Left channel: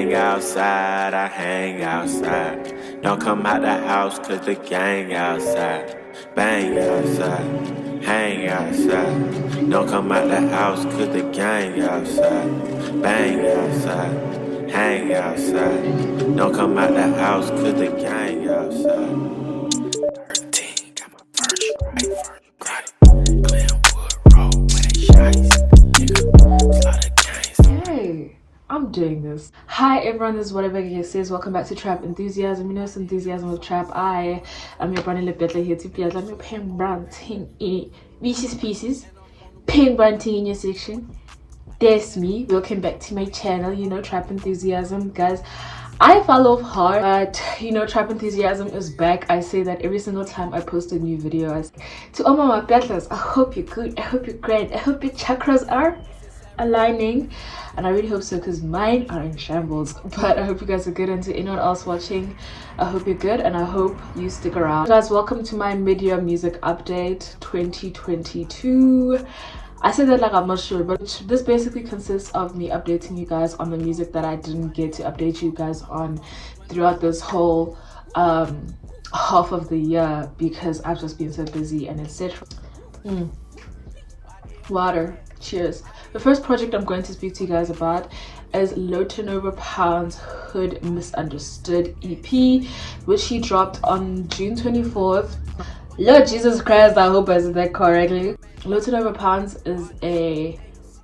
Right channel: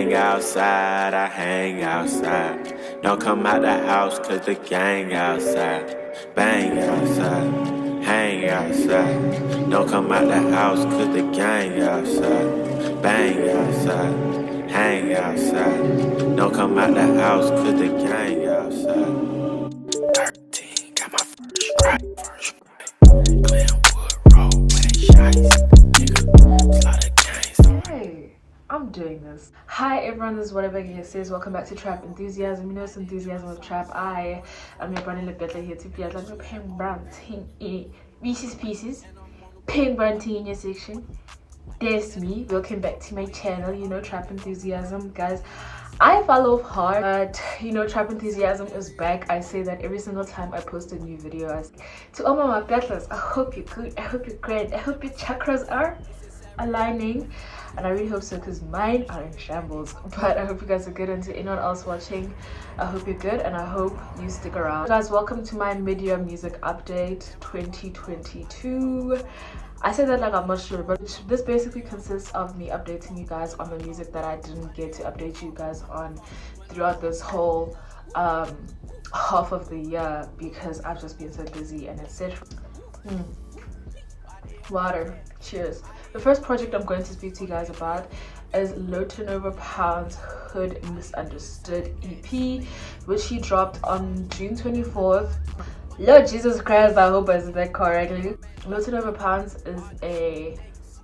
hang outside, I hang outside. Don't come out the house cause the gang outside. Bang outside, hang outside. Don't come out the house cause the gang outside. Bang outside, hang outside. Don't come out the house cause the gang outside. 13, got my first strike. Glenwood Road where they shice. Nigga, slaughter gangs. Hey, I'm doing this. Hi everyone, this is whatever here says. Welcome back to Trap Enthusiasm. You know it's enthusiasm with Trap. I am your brand new Bettler here to be as I'm your pen brown ting in pieces. Pen brown ting in your section. That's me. Welcome back to my channel, you know, Trap Enthusiasm. Guys, I fell off hard, but you know, Trap Enthusiasm is back. I say that every single time I post a new video. To all my battlers, I hope you're good, I hope you're great, I hope your chakras are aligning, and I really hope so because mine are in shambles. But I hope you guys are good, and to anyone else watching, I hope you're good and I hope you stick around. Guys, welcome to my mid-year music update 2022. I say that like I'm not sure, but this basically consists of me updating you guys on the music that I didn't get to update you guys on throughout this whole half of the year because I've just been so busy and etc. Water. Cheers. The first project I'm going to speak to you guys about is Low Turnover Pounds Hood Misunderstood EP, which he dropped on June 24th. Lord Jesus Christ, I hope I said that correctly. Low Turnover Pounds is a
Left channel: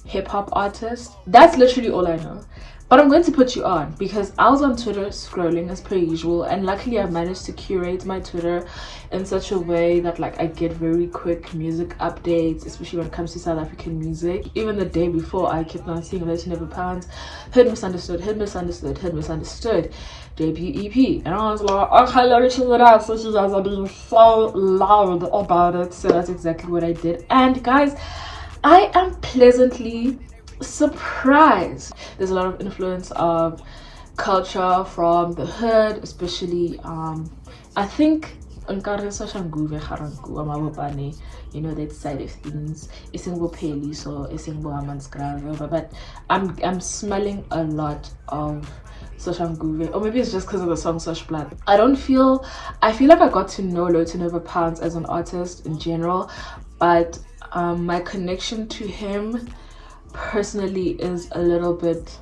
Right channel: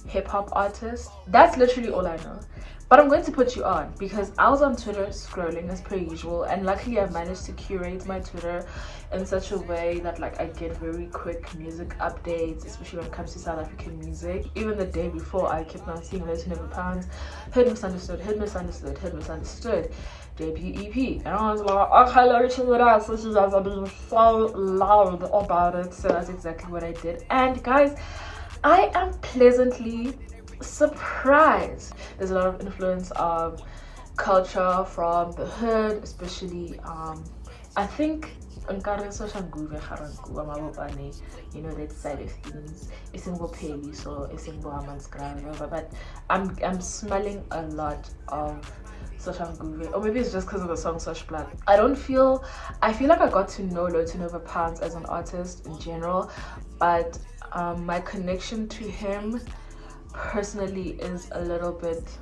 hip-hop artist. That's literally all I know. But I'm going to put you on because I was on Twitter scrolling as per usual, and luckily I managed to curate my Twitter in such a way that like I get very quick music updates, especially when it comes to South African music. Even the day before, I kept on seeing Low Turnover Pounds, Hood Misunderstood, Hood Misunderstood, Hood Misunderstood, debut EP, and I was like, okay, let me check it out. So you guys are being so loud about it. So that's exactly what I did, and guys, I am pleasantly surprised. There's a lot of influence of culture from the hood, especially I think you know, that side of things, but I'm smelling a lot of Social Nguve, or maybe it's just because of the song Social Blood. I feel like I got to know Low Turnover Pounds as an artist in general, but my connection to him personally is a little bit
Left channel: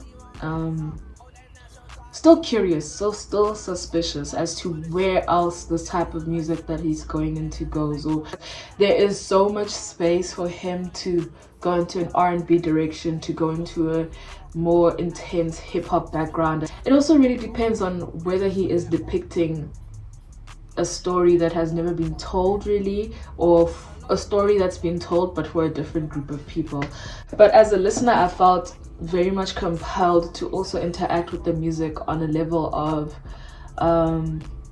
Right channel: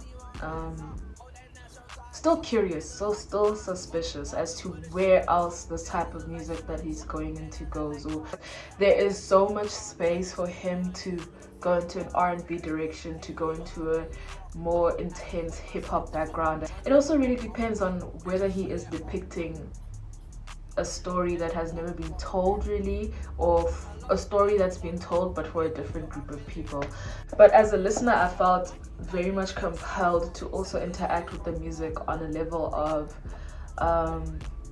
still curious, so still suspicious as to where else this type of music that he's going into goes. Or there is so much space for him to go into an R&B direction, to go into a more intense hip-hop background. It also really depends on whether he is depicting a story that has never been told really, or a story that's been told but for a different group of people. But as a listener, I felt very much compelled to also interact with the music on a level of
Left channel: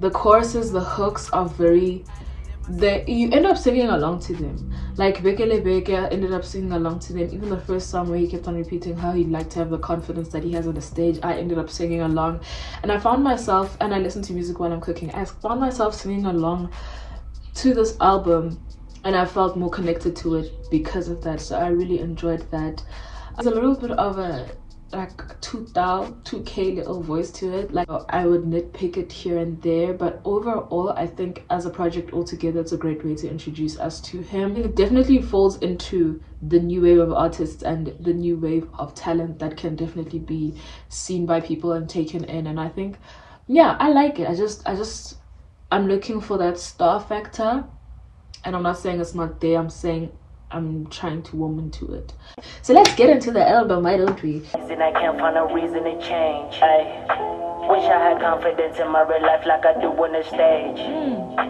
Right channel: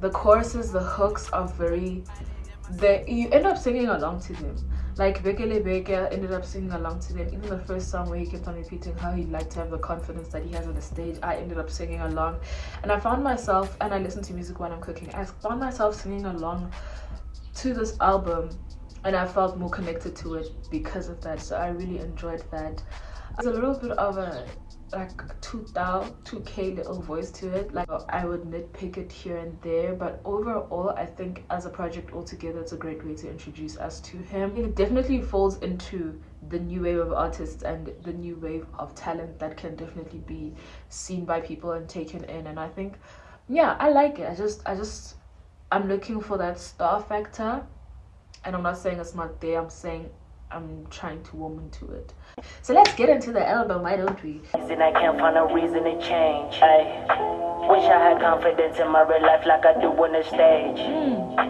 the choruses, the hooks are very, you end up singing along to them. Like Bekele Beke ended up singing along to them. Even the first song where he kept on repeating how he'd like to have the confidence that he has on the stage, I ended up singing along. And I found myself, and I listen to music while I'm cooking, I found myself singing along to this album, and I felt more connected to it because of that. So I really enjoyed that. There's a little bit of a like 2K little voice to it. Like I would nitpick it here and there, but overall I think as a project altogether it's a great way to introduce us to him. It definitely falls into the new wave of artists and the new wave of talent that can definitely be seen by people and taken in, and I think, yeah, I like it. I'm looking for that star factor, and I'm not saying it's not there, I'm saying I'm trying to warm into it. So let's get into the album, why don't we? And I can't find a reason to change. I wish I had confidence in my real life like I do on the stage.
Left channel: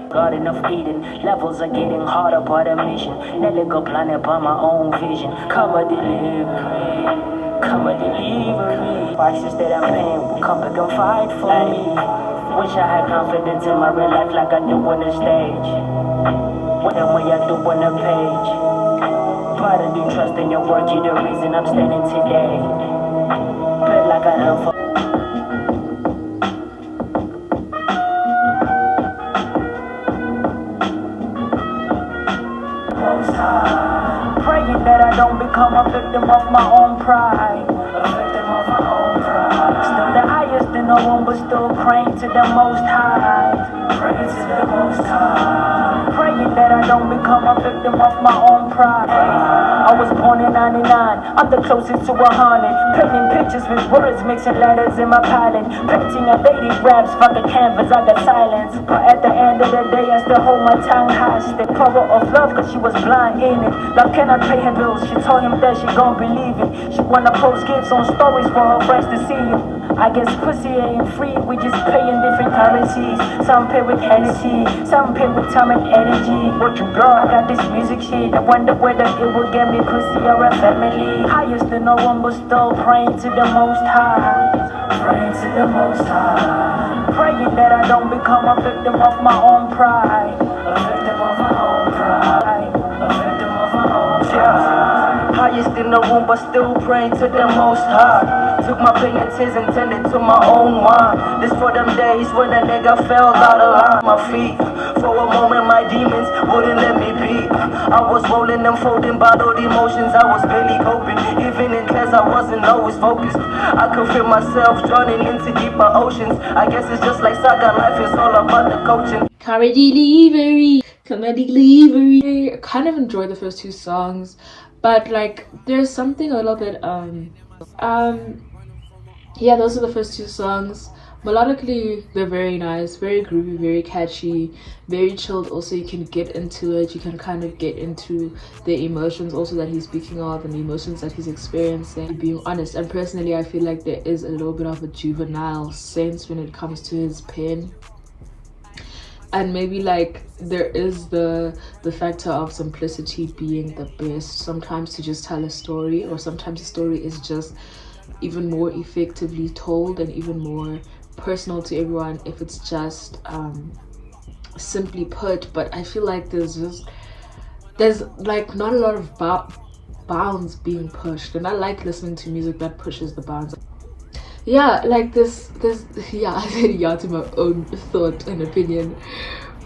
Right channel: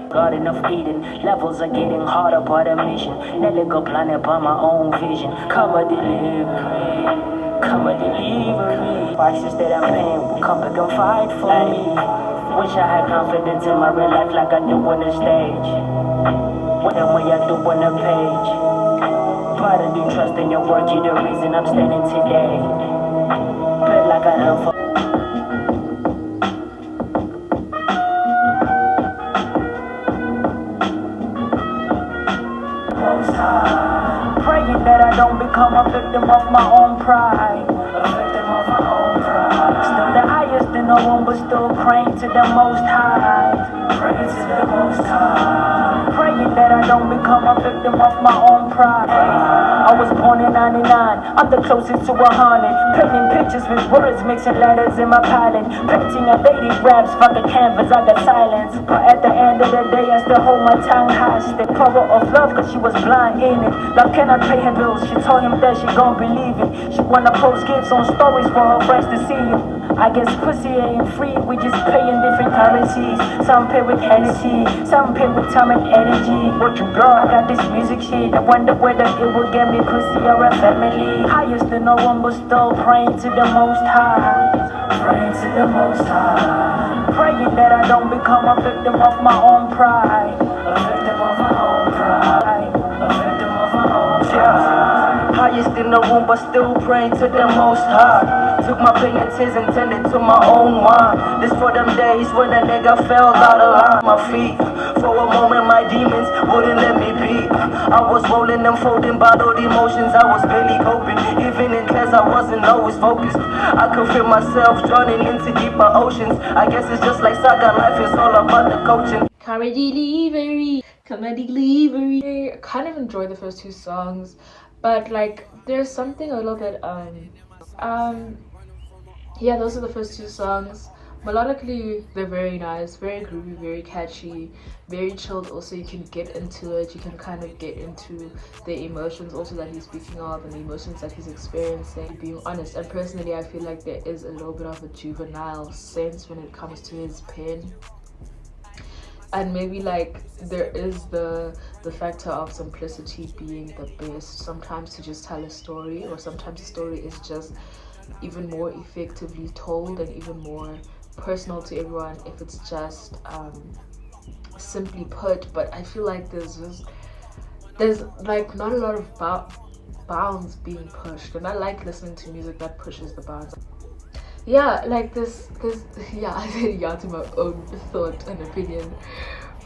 Garden of Eden, levels are getting harder by the mission. Never go planet by my own vision. Come a delivery, come a delivery. Prices that I'm paying will come back and fight for me. Wish I had confidence in my real life like I do on the stage. What the way I do on the page. But I do trust in your work, you're the reason I'm standing today. Feel like I am for praying that I don't become a victim of my own pride. A victim of my own pride. Still the no one but still praying to the Most High. Praying to the Most High. Praying that I don't become a victim of my own pride. I was born in 99, I'm the closest to 100. Painting pictures with words, mixing letters in my palette. Painting a lady raps, fuck a canvas, I got silence. But at the end of the day, I still hold my tongue hostage. Power of love, cause she was blind in it. Love cannot pay her bills, she told him that she gon' believe it. She wanna post gifts on stories for her friends to see it. I guess pussy ain't free, we just pay in different currencies. Some pay with Hennessy, some pay with time and energy. What you got? I got this music shit, I wonder whether it will get me pussy or a family. I used to know one but still praying to the Most High. Praying to the Most High. Praying that I don't become a victim of my own pride. A victim of my own pride. A victim of my own pride. Highest in the room but still praying to the Most High. Took my pain and tears and turned it to my own wine. This for them days when a nigga fell out of line. My feet, for a moment my demons wouldn't let me be. I was rolling and folding bottled emotions, I was barely coping. Even in class I wasn't always focused. I could feel myself drowning into deeper oceans. I guess it's just like soccer, life is all about the coaching. Comedy delivery, comedy delivery. I kind of enjoy the first two songs, but like there's something a little bit yeah, those are the first two songs. Melodically, they're very nice, very groovy, very catchy, very chilled. Also, you can get into it, you can kind of get into the emotions also that he's speaking of and the emotions that he's experiencing, being honest. And personally, I feel like there is a little bit of a juvenile sense when it comes to his pen. And maybe like there is the factor of simplicity being the best. Sometimes to just tell a story, or sometimes a story is just even more effectively told and even more personal to everyone if it's just simply put. But I feel like there's like not a lot of bounds being pushed, and I like listening to music that pushes the bounds. Yeah, like this yeah, I said yeah to my own thought and opinion,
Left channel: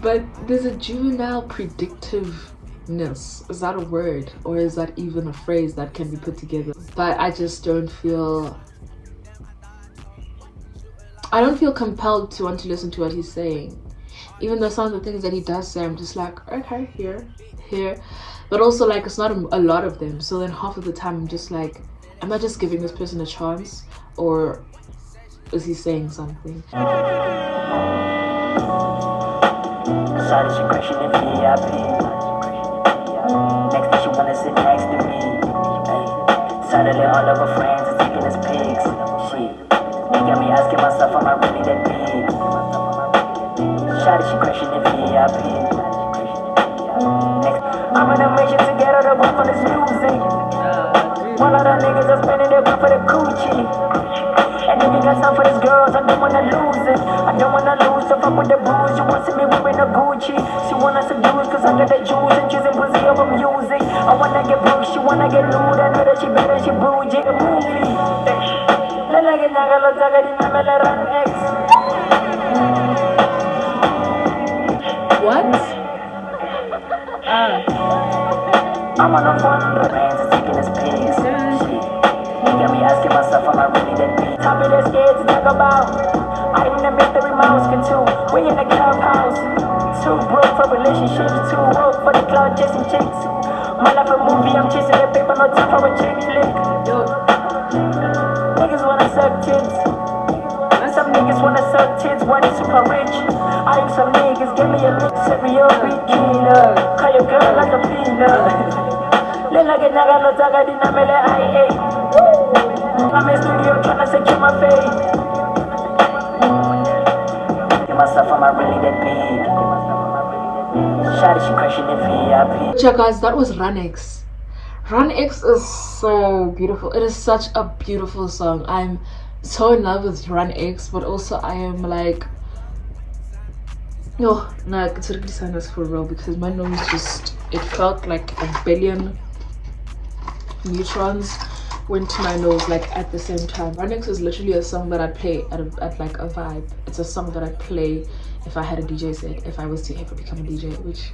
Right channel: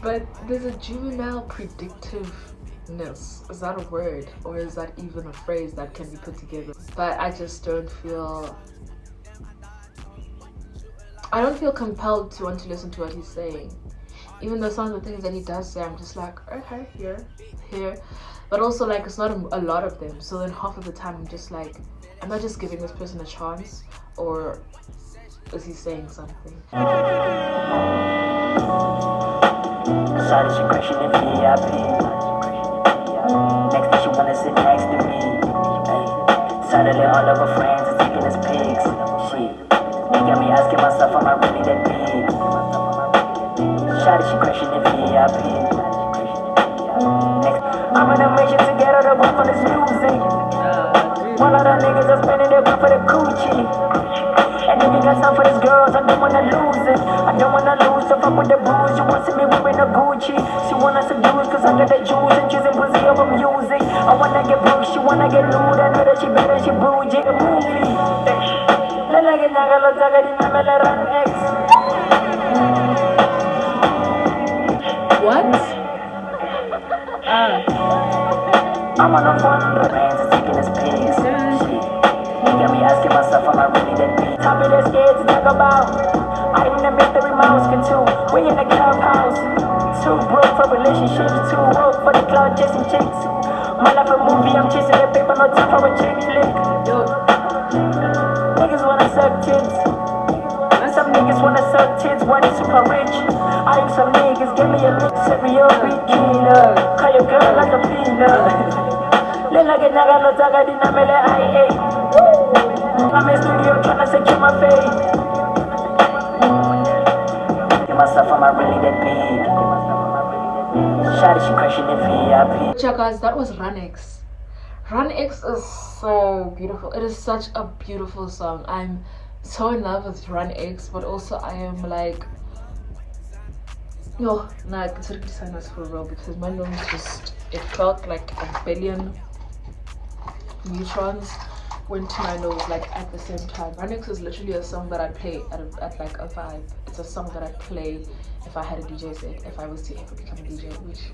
but there's a juvenile predictiveness. Is that a word, or is that even a phrase that can be put together? But I just don't feel compelled to want to listen to what he's saying, even though some of the things that he does say I'm just like, okay, here, but also like it's not a lot of them. So then half of the time I'm just like, am I just giving this person a chance, or is he saying something? Decided she crashing in VIP. Next thing she wanna sit next to me. Suddenly all of her friends are taking us pics. Shit, they got me asking myself, am I really that big? Shawty, she crashing in VIP. Next, I'm on a mission to get out of the for this music. One lot of niggas are spending their money for the coochie. And if you got time for these girls, I don't wanna lose it. I don't wanna lose, so fuck with the booze. You want to see me wearing a Gucci. She wanna seduce, cause I got that juice and choosing pussy over music. I wanna get broke, she wanna get lewd. I know that she better, she bougie. A movie. Lala get naga lo taga di me la run X. What? I'm on a phone, the fans are taking us pics. He got me asking myself, am I really that big? Topic that's scared to talk about. I am the mystery mouse can too. We in the clubhouse. Too broke for relationships, too woke for the cloud chasing chicks. My life a movie, I'm chasing the paper, no time for a chick flick. Niggas wanna suck tits. And some niggas wanna suck tits when they super rich. I am some niggas, give me a mix, serial killer. Call your girl like a peanut. Lila get naga no taga di na mele IA. I'm in studio tryna secure my fate. Get myself, am I really that big? Shawty, she crashing in VIP. Yeah, guys, that was Run X. Run X is so beautiful. It is such a beautiful song. I'm so in love with Run X, but also I am like, no, I consider saying this for real, because my nose just, it felt like a billion neutrons went to my nose like at the same time. Run X is literally a song that I play at like a vibe. It's a song that I play if I had a DJ set, if I was to ever become a DJ, which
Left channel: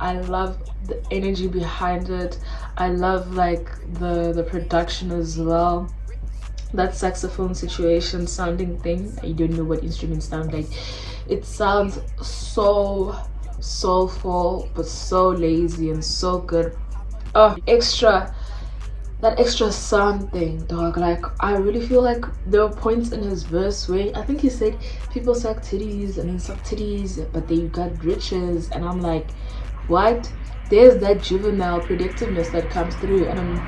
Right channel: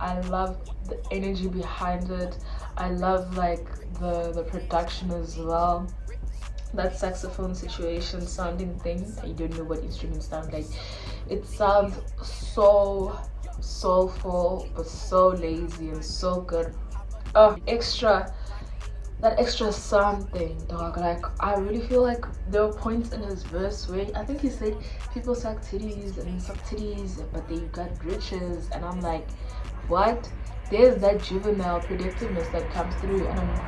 I love the energy behind it. I love like the production as well. that saxophone situation sounding thing. You don't know what instruments sound like. It sounds so soulful but so lazy and so good. That extra sound thing, dog. Like, I really feel like there were points in his verse where I think he said people suck titties and then suck titties but they got riches, and I'm like, what? There's that juvenile predictiveness that comes through, and I'm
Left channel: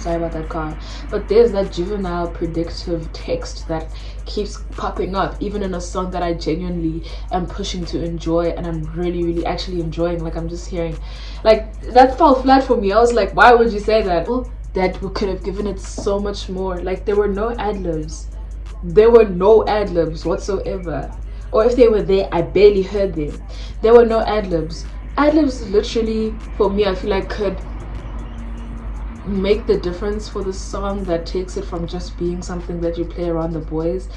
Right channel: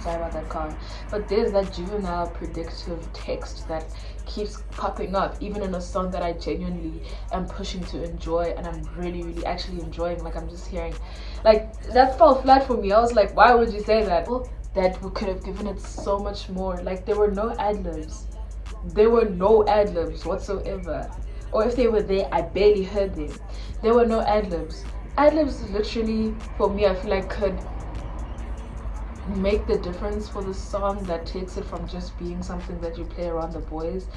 sorry about that car, but there's that juvenile predictive text that keeps popping up even in a song that I genuinely am pushing to enjoy, and I'm really actually enjoying. Like, I'm just hearing, like, that fell flat for me. I was like, why would you say that? Well, that we could have given it so much more. Like, there were no ad-libs whatsoever, or if they were there, I barely heard them. There were no ad-libs. Ad-libs literally, for me, I feel like could make the difference for the song, that takes it from just being something that you play around the boys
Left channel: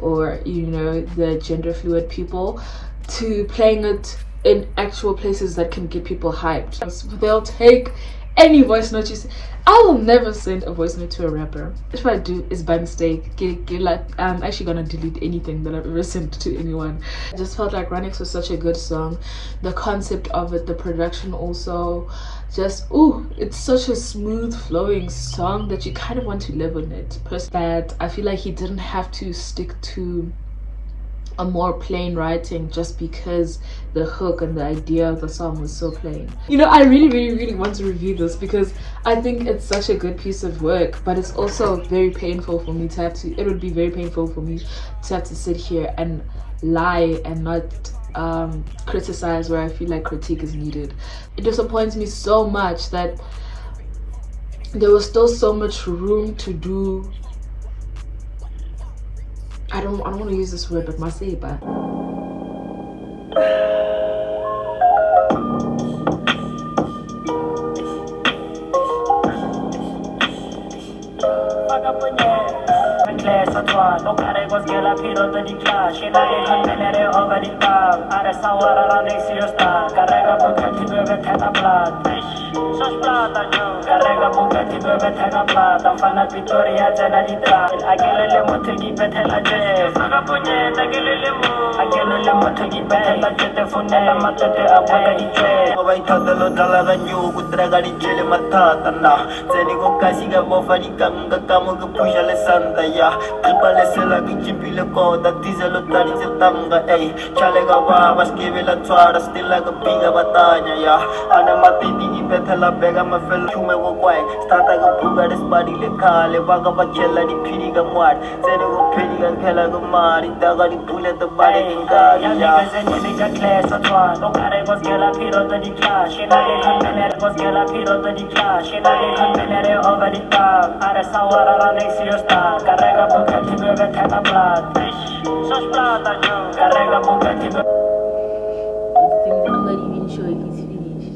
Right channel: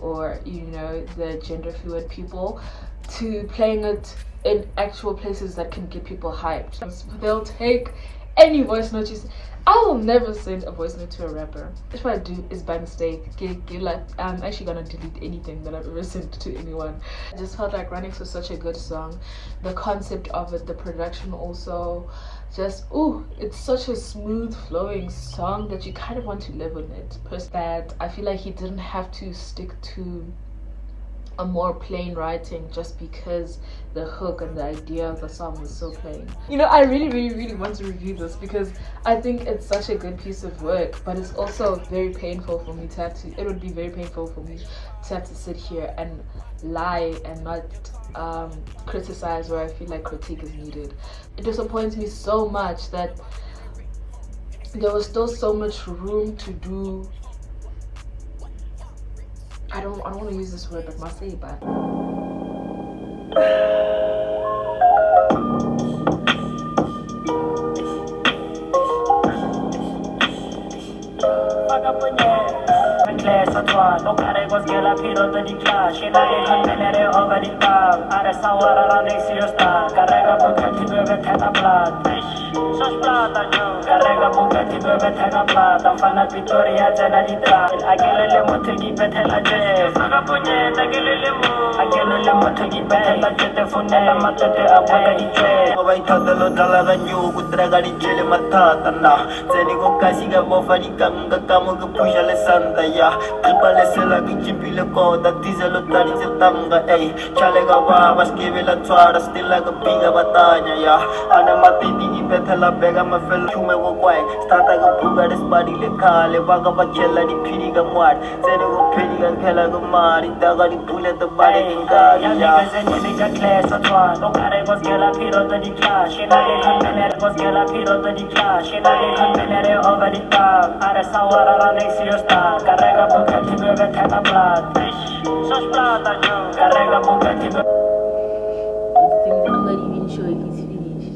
or, you know, the gender fluid people, to playing it in actual places that can get people hyped. They'll take any voice note you see. I will never send a voice note to a rapper. If I do, it's by mistake. I'm actually gonna delete anything that I've ever sent to anyone. I just felt like Runix was such a good song. The concept of it, the production also, just, ooh, it's such a smooth flowing song that you kind of want to live on it. Plus that I feel like he didn't have to stick to a more plain writing just because the hook and the idea of the song was so plain. You know, I really want to review this because I think it's such a good piece of work, but it's also very painful for me to have to, it would be very painful for me to have to sit here and lie and not criticize where I feel like critique is needed. It disappoints me so much that there was still so much room to do, I don't want to use this word, but masiba. Carrega Bugatti dove tenga plata, fanno Vittoria generalità. Aquele le motogi betela je, faga punyeta aquele le motogi betela je te funela matete apaga ije. Vai tadalo dalla ganyu kutraga di jele matata na. Zeni ko kasiga bofari kanga kamu ke pusha le santa ya. Kalpa le sela ki chimpile ko da tizelo tani se tanga ey. Chale ga wa baskeve la tswara stilla ga pinga batanya ya. Ana matiti ki betela bega ma fel chume wo kwai. Stata ga puga des body le kale baga bachela di piri ga mwat. Zeni ko piri ga khela ga mari daga di pule the body ga ya. Zeni ga class atwa no kare bas gela piro the di clash. Shena le khanere bas gela piro the di clash. Shena le khanere over the top. Are sawara ra next year star. Carrega Bugatti dove tenga plata. Sos plata yo. Carrega Bugatti dove. I'm not even sure if he's finished.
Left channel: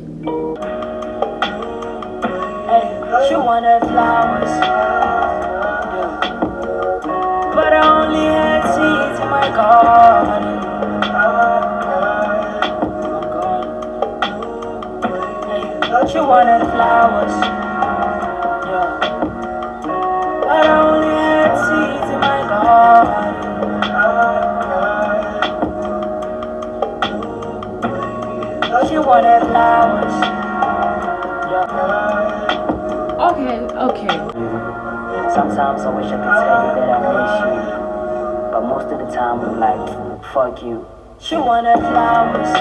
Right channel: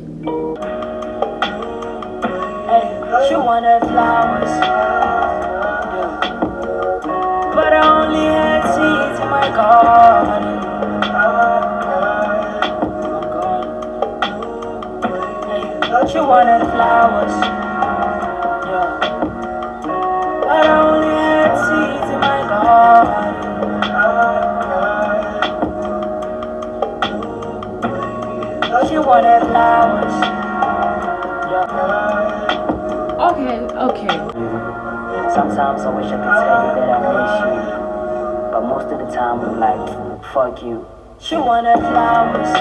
Hey, she wanted flowers, but I only had seeds in my garden. Hey, she wanted flowers, but I only had seeds in my garden. She wanted flowers. Okay. Sometimes I wish I could tell you that I miss you, but most of the time I'm like, fuck you. She wanted flowers.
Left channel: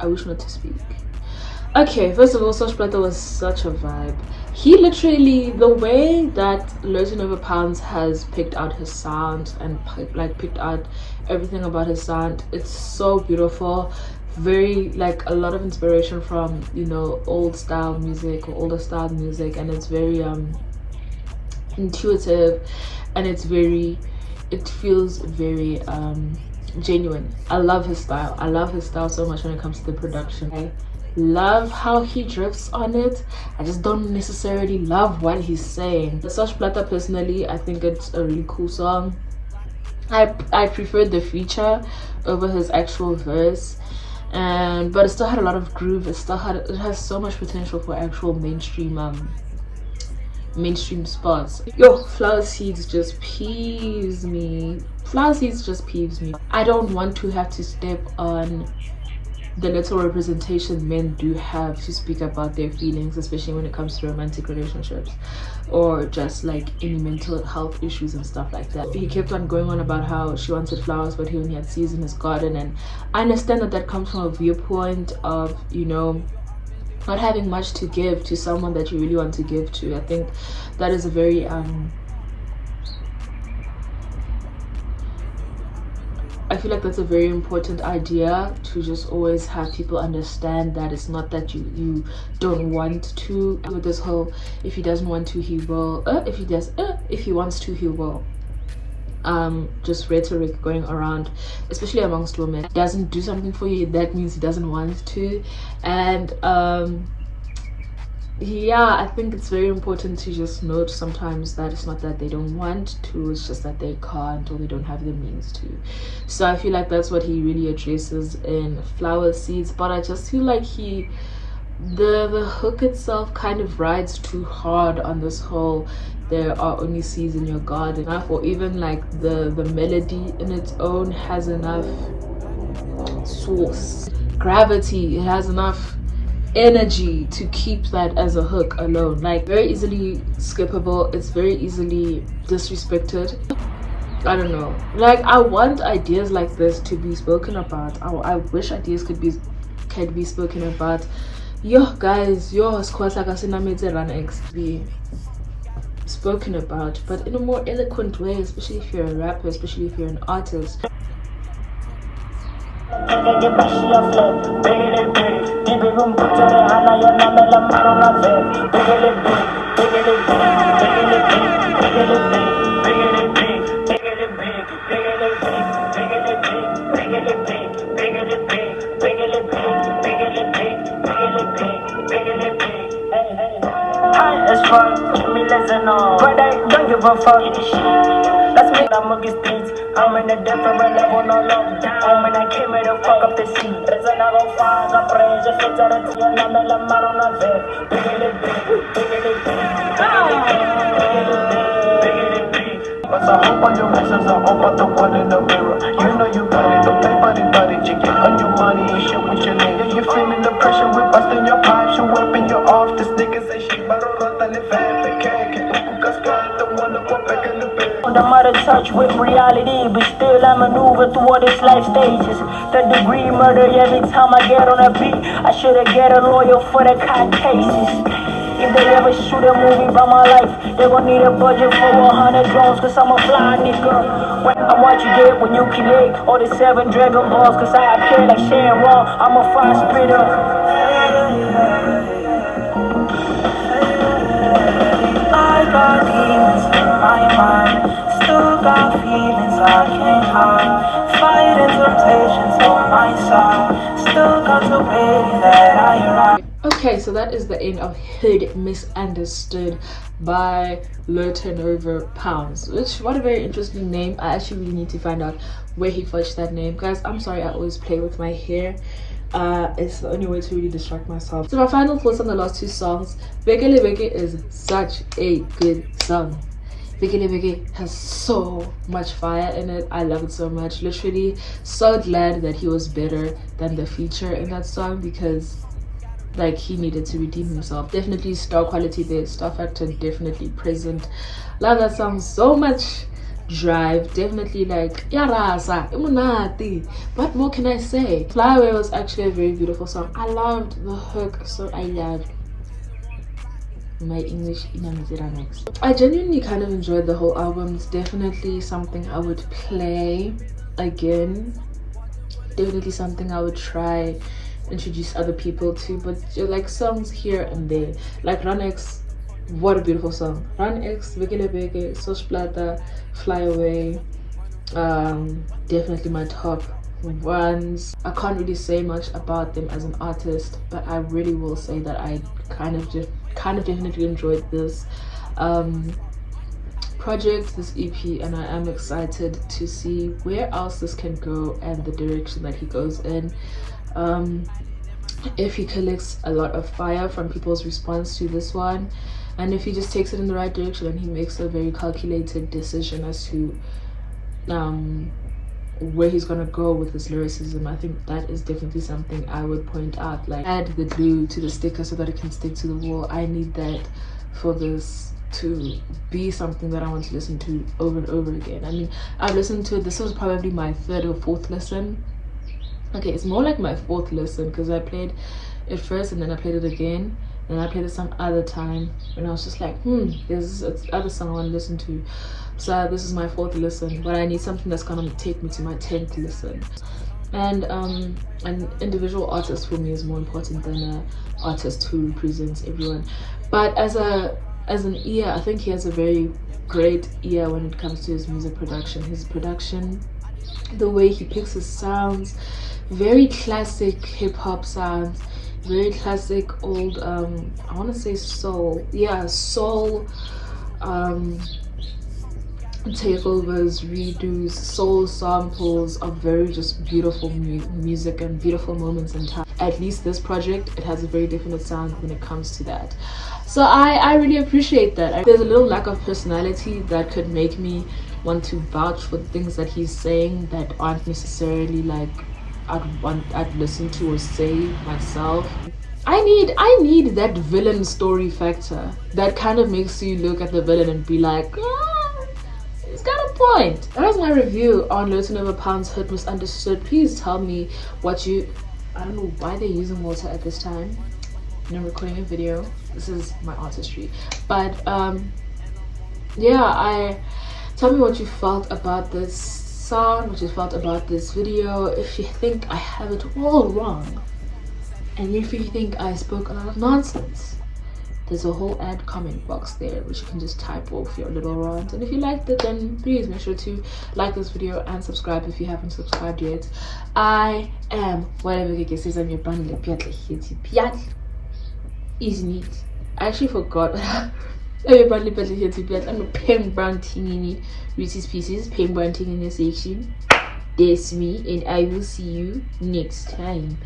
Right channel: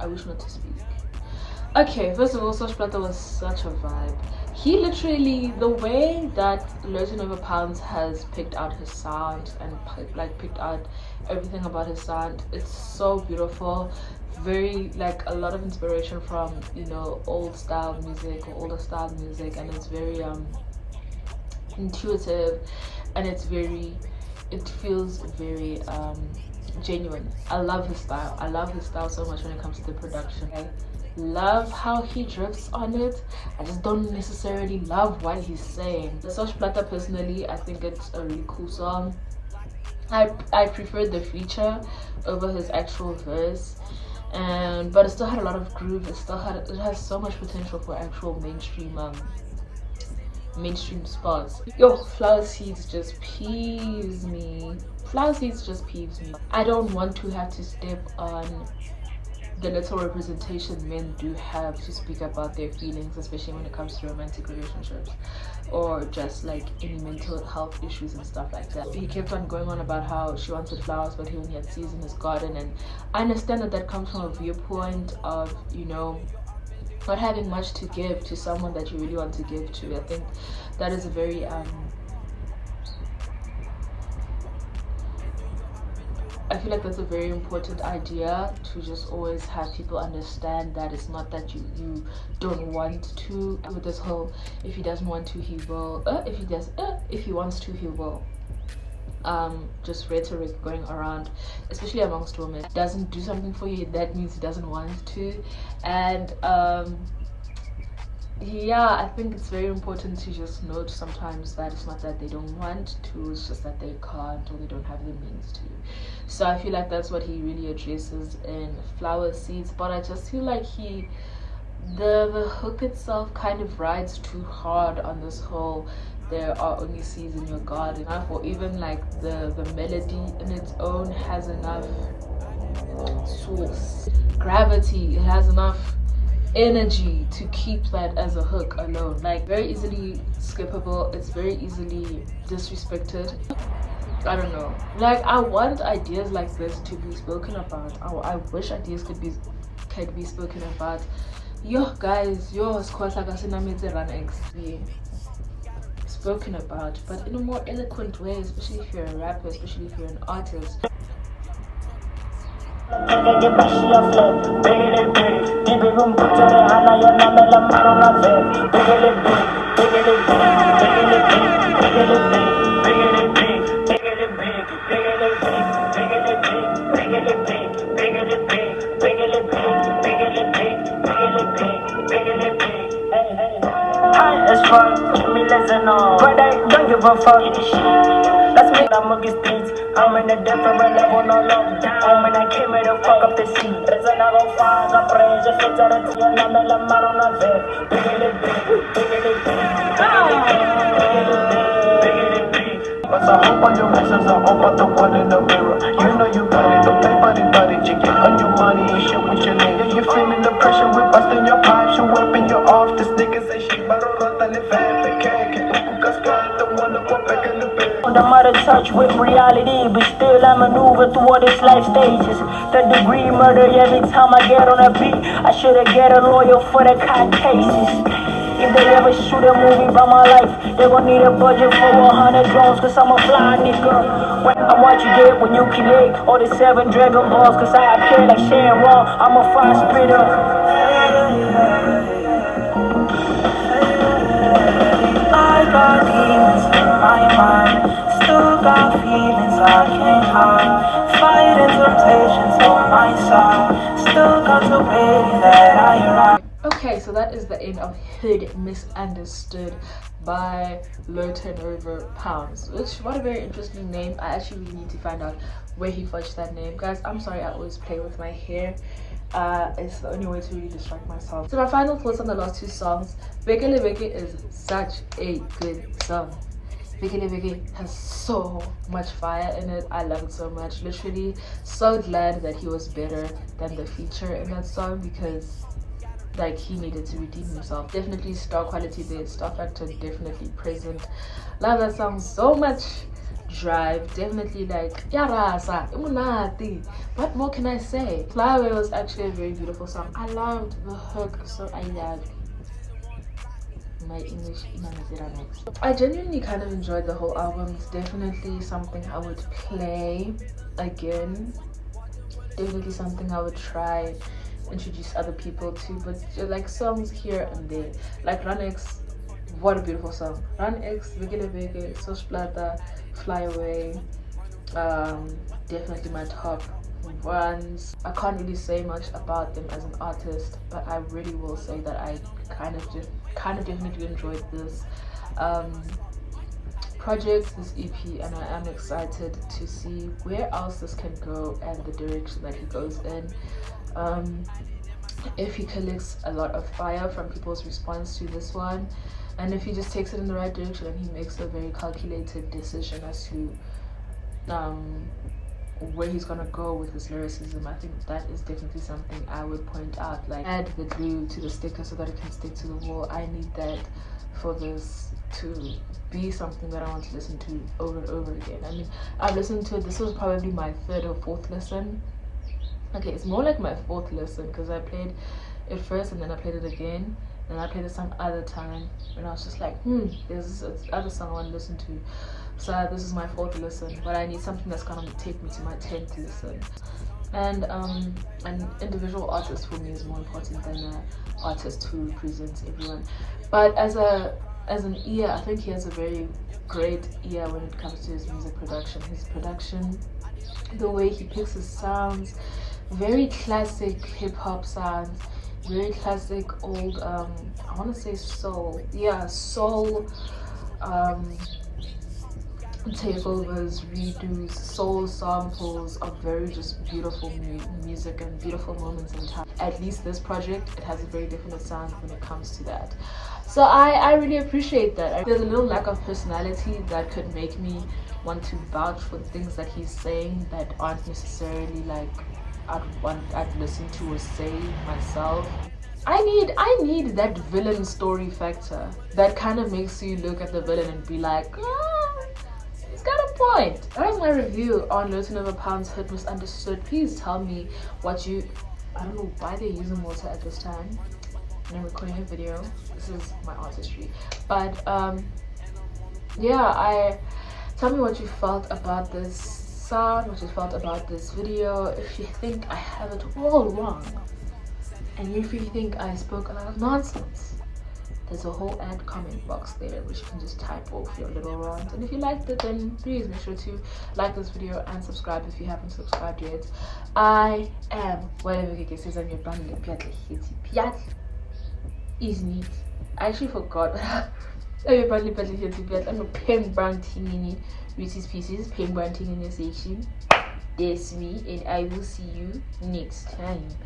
I wish not to speak. Okay, first of all, Sosh Plata was such a vibe. He literally, the way that Loading Over Pounds has picked out his sound and picked out everything about his sound, it's so beautiful. Very, like, a lot of inspiration from, you know, old style music or older style music, and it's very intuitive, and it feels very genuine. I love his style. I love his style so much when it comes to the production. I love how he drifts on it. I just don't necessarily love what he's saying. The Sosh Plata, personally, I think it's a really cool song. I preferred the feature over his actual verse, but it still had a lot of groove. It has so much potential for actual mainstream mainstream spots. Yo, Flower Seeds just peeves me. Flower Seeds just peeves me. I don't want to have to step on the little representation men do have to speak about their feelings, especially when it comes to romantic relationships or just like any mental health issues and stuff like that. He kept on going on about how she wanted flowers but he only had seeds in his garden, and I understand that that comes from a viewpoint of, you know, not having much to give to someone that you really want to give to. I think that is a very I feel like that's a very important idea, to just always have people understand that it's not that you don't want to. With this whole, if he doesn't want to he will, if he wants to he will, just rhetoric going around, especially amongst women. Doesn't do something for you, that means he doesn't want to. And yeah, I think it's very important to just note sometimes that it's not that they don't want to, it's just that they can't or they don't have the means to. So I feel like that's what he really addresses in Flower Seeds. But I just feel like the hook itself kind of rides too hard on this whole there are only seeds in your garden, or even like the melody in its own has enough source, gravity, it has enough energy to keep that as a hook alone. Like, very easily skippable, it's very easily disrespected. I don't know, like, I want ideas like this to be spoken about. I wish ideas could be spoken about. Yo guys, yo Run X be spoken about, but in a more eloquent way, especially if you're a rapper, especially if you're an artist. As fun, me listen on, but I don't give a fuck. That's me, I'm on these beats. I'm in a different level, no lockdown. When I came here to fuck up the scene, there's another fire, I praise the fit of the tea, and I'm a maroon of it. But I hope on your messages, I hope on the one in the mirror. You know you got it, don't play buddy, you get on your money and shit with your nigga. You're feeling the pressure, we're busting your pipes, you're whipping your off. This nigga say shit, but don't run the the mother touch with reality, but still I maneuver through all these life stages. Third degree murder every time I get on a beat. I should've get a lawyer for the court cases. If they ever shoot a movie about my life, they gon' need a budget for 100 drones, cause I'm a fly nigga. I'm what you get when you create all the 7 Dragon Balls, cause I appear like Sharon Raw, I'm a fire spitter. I got demons in my mind, still got feelings I can't hide. Fighting temptations on my side, still contemplating that I arrive. Okay, so that is the end of Hood Misunderstood by Low Turnover Pounds, which, what a very interesting name. I actually really need to find out where he fudged that name. Guys, I'm sorry, I always play with my hair. It's the only way to really distract myself. So my final thoughts on the last 2 songs. Bekele Beke is such a good song. Bekele Beke has so much fire in it. I love it so much. Literally so glad that he was better than the feature in that song, because like, he needed to redeem himself. Definitely star quality there, star factor definitely present. Love that song so much. Drive, definitely like yarasa imunati. What more can I say? Fly Away was actually a very beautiful song. I loved the hook, so I loved my English next. I genuinely kind of enjoyed the whole album. It's definitely something I would play again, definitely something I would try introduce other people to, but like songs here and there, like Run X, what a beautiful song. Run X, Bekele Beke, Sosplata, Fly Away, definitely my top ones. I can't really say much about them as an artist, but I really will say that I kind of definitely enjoyed this project, this EP, and I am excited to see where else this can go and the direction that he goes in. If he collects a lot of fire from people's response to this one, and if he just takes it in the right direction and he makes a very calculated decision as to where he's gonna go with his lyricism, I think that is definitely something I would point out. Like, add the glue to the sticker so that it can stick to the wall. I need that for this to be something that I want to listen to over and over again. I mean, I've listened to it. This was probably my 3rd or 4th listen. Okay, it's more like my 4th listen, because I played it first and then I played it again, and I played it some other time when I was just like, there's this other song I want to listen to. So this is my 4th listen, but I need something that's gonna take me to my 10th listen. And an individual artist for me is more important than an artist who represents everyone. But as an ear, I think he has a very great ear when it comes to his music production. His production, the way he picks his sounds, very classic hip-hop sounds, very classic old I want to say soul, soul takeovers, redos, soul samples of very just beautiful music and beautiful moments in time. At least this project, it has a very definite sound when it comes to that. So I really appreciate that. There's a little lack of personality that could make me want to vouch for things that he's saying that aren't necessarily like I'd listen to or say myself. I need that villain story factor that kind of makes you look at the villain and be like, he's got a point. That was my review on Low to Never Pounds Hurt Misunderstood. Please tell me what I don't know why they're using water at this time and I'm recording a video. This is my artistry. But tell me what you felt about this song, what you felt about this video. If you think I have it all wrong, and if you think I spoke a lot of nonsense, there's a whole ad comment box there which you can just type off your little rant. And if you liked it, then please make sure to like this video and subscribe if you haven't subscribed yet. I am whatever Keke says. I'm your brand is neat. I actually forgot. I'm your brand I'm a pen brand tingini Reese's Pieces pen brand ting in the section. That's me, and I will see you next time.